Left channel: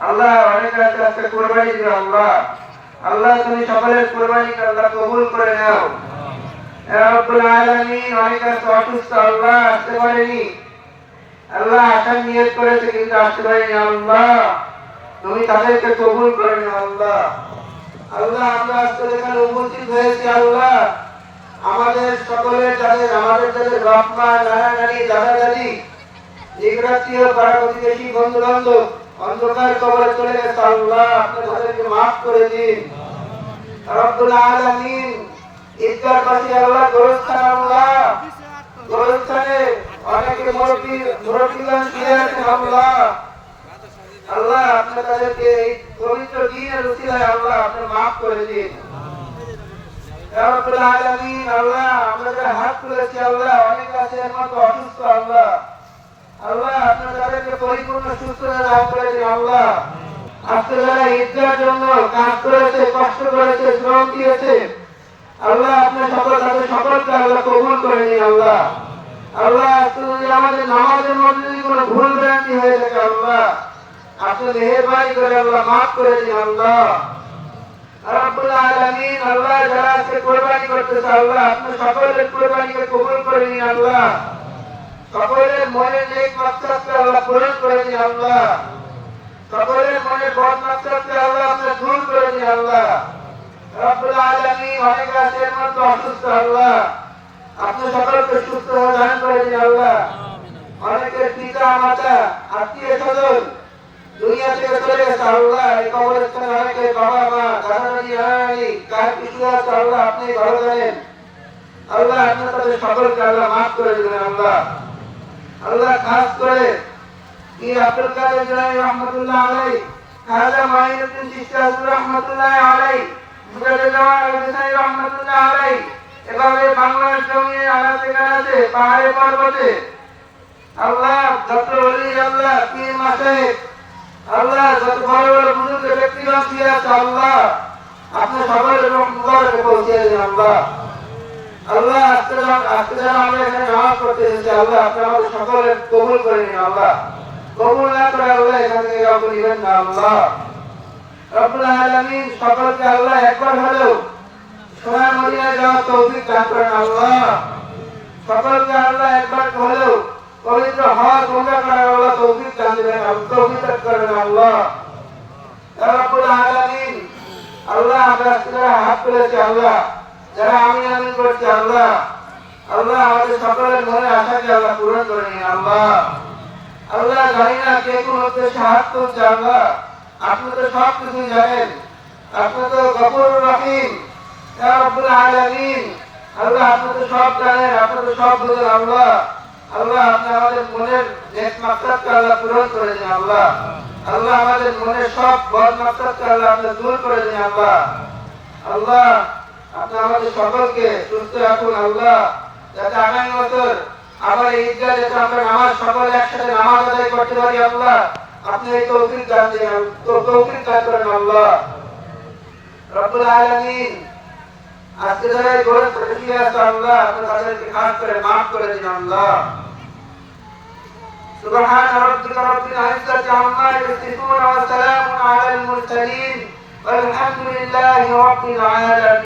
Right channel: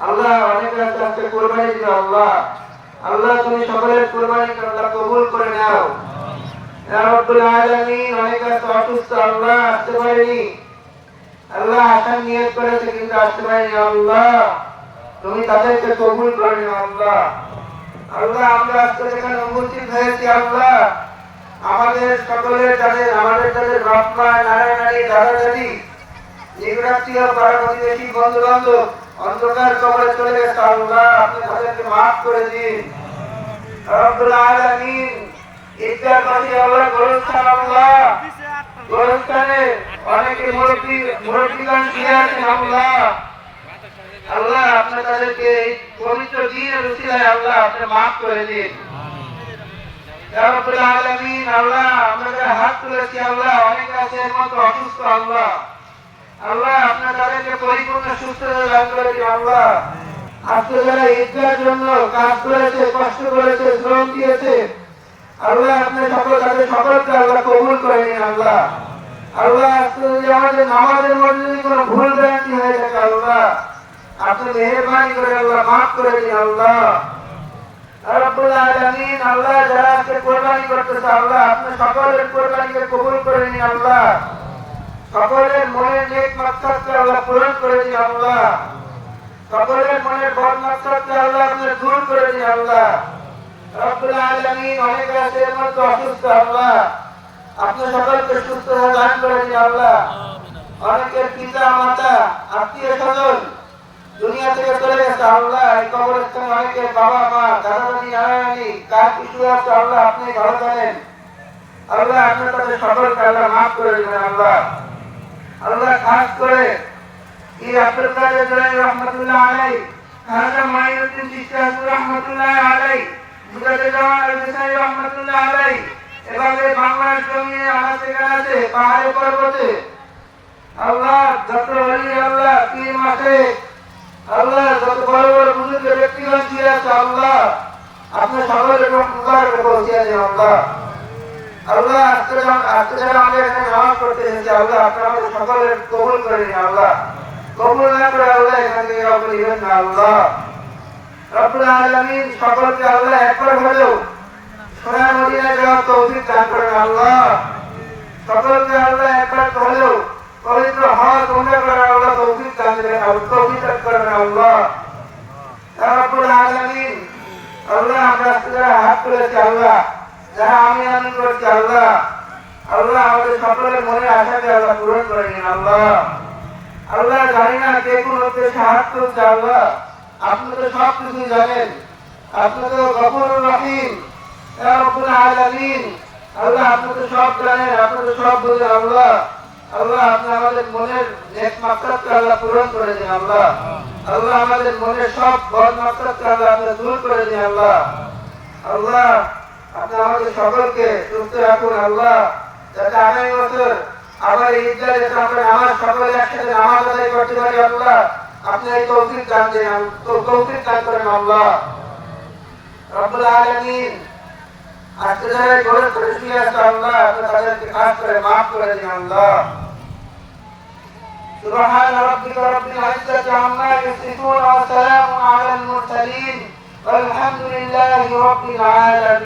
আল্লাহ অনেকে আছে আজকে কোরবানি দিবে আল্লাহ আল্লাহ তুমি সকলের কোরবানি আল্লাহ কবুল করে নাও। আল্লাহ আসতে আল্লাহ। আসতে আমরা আজকে যেখানে উপস্থিত আল্লাহ, আমাদের সকলের যাদের, আমাদের যাদের বাপ মা অন্ধকার কবরে চলে গেছে আল্লাহ। আপনি তাদেরকে মাফ করে দিন। রব্বুল আলামিন ঈদগার পাশে আল্লাহ গোরস্থান আল্লাহ। গোরস্থানে অনেকে মুরব্বী, মুরব্বীগণ ফিরে আছেন আল্লাহ আল্লাহ, আপনি তাদেরকে এই পবিত্র দিনের উচিলায় আল্লাহ আপনি মাফ করে দিন। রাব্বুল আলামিন, আল্লাহ, আমরা যারা হাত তুলেছি আল্লাহ, অনেক আছে এর মতো অসুস্থ আল্লাহ। আল্লাহ আপনি তাদেরকে পরিপূর্ণ সুস্থতা দান করে দিন আল্লাহ। আজকে যারা ঈদগার জন্য কাজ করেছে, কষ্ট করেছে, শ্রম দিয়েছে, আল্লাহ, আপনি সকল তাদের সকলকে আল্লাহ কবুল করে নিন, আল্লাহ। আল্লাহ যদি আমাদের নামাজের মধ্যে যদি কোনো ভুল ভ্রান্তি হয়ে থাকে, আল্লাহ, আপনি মেহরবানি করে আল্লাহ মাফ করে দিন আল্লাহ, রব্বুল আলামিন, আল্লাহ, যারা আজকে কোরবানি করতেছে, আল্লাহ, আপনি সকলের কোরবানিকে কবুল করে নিন, আল্লাহ। সকলের মনের নেক মাকসাদকে আল্লাহ পূরণ করে দিন, আল্লাহ। সকলের মনের বদ মাকসাদকে আল্লাহ আপনি দূর করে দিন, আল্লাহ। রব্বুল আলামিন অনেক এর মধ্যে অসুস্থ, আল্লাহ। আপনি সকলকে সুস্থ দান করে দিন, আল্লাহ। অনেকের পিতা, মাতা, আত্মীয় স্বজন দুনিয়া থেকে চলে গেছে, আল্লাহ। এই কবরস্থানে অনেকের বাবা, মা দাদা নানি নানা নানি কার কিছু আছে, আল্লাহ, আপনি ভালো জানেন। আল্লাহ আপনি তাদের সকলকে আল্লাহ মাফ করে দিবেন, আল্লাহ। আল্লাহ খাস করে কি আব্দুল কাদের জিলানী রহমাতুল্লাহ আলাই খাজা মাইনুদ্দিন চিশতি রহমাতুল্লাহ আলাই মুজাদ্দিদ জামান আল-হুসাইনি রহমাতুল্লাহ আলাই, এভাবে বাংলার জমিনে আনাচে কানাচে, পাহাড়ে পর্বতে আল্লাহ যত অলি, আল্লাহ পীর মাসে আল্লাহ যত বড় বড় বুজুর্গ, ব্যক্তিগণ ছিল আল্লাহ, আপনি সকলের মুবারকে পৌঁছে দিন, আল্লাহ। আল্লাহ আজকে আজকে যেন আমরা এখানে নামাজ পড়তে এসেছি, আল্লাহ আপনি আমাদের সকলের কবুল করে নিন আল্লাহ। কবুল না করে আল্লাহ এখান থেকে কাউকে নিবেন না আল্লাহ। রব্বুল আলামিন সকলকে আল্লাহ একবার হলেও সোনার মদিনায় যাওয়ার তৌফিক দান করেন আল্লাহ। সকলকে আল্লাহ একবার হলেও পবিত্র হজ উমরা করার আল্লাহ তৌফিক দান দেবেন তৌফিক দান করবেন আল্লাহ। যারা আল্লাহ যারা আমি আমিন করছি, আল্লাহ। আল্লাহ আমাদের সকলের মনে আশাকে আল্লাহ পূরণ করে নিন, আল্লাহ। আল্লাহ জানি না কে কোন উদ্দেশ্যে হাত তুলছে আল্লাহ। আপনি তো সব কিছু জানেন। আপনি তো গফুর রহিম। আল্লাহ, আপনি তো সব জানেন, আপনি তো সব বুঝেন, আল্লাহ। আল্লাহ, আপনি আমাদের মনের নেক মাকসাদকে আল্লাহ পূরণ করে দিন আল্লাহ। আল্লাহ, আমাদের মনের সব বদ মাকসাদকে আল্লাহ আপনি দূর করে দিন আল্লাহ। আল্লাহ আপনি আমাদের সকলকে সুস্থ রাখুন আল্লাহ যাতে আগামী বছর আবার ঈদগাহ যাতে আমরা নামাজ সকলে একসাথে নামাজ আদায় করতে পারি আল্লাহ আপনি এই তৌফিক দান দেন তো তৌফিক দান করেন আল্লাহ রব্বুল আলামিন আজকে যারা গরম খুশি আছে আল্লাহ আপনি তাদেরকে খাস করে মাফ করে দিন আল্লাহ سبحان ربك رب العزة عما يصفون وسلام على المرسلين والحمد لله رب العالمين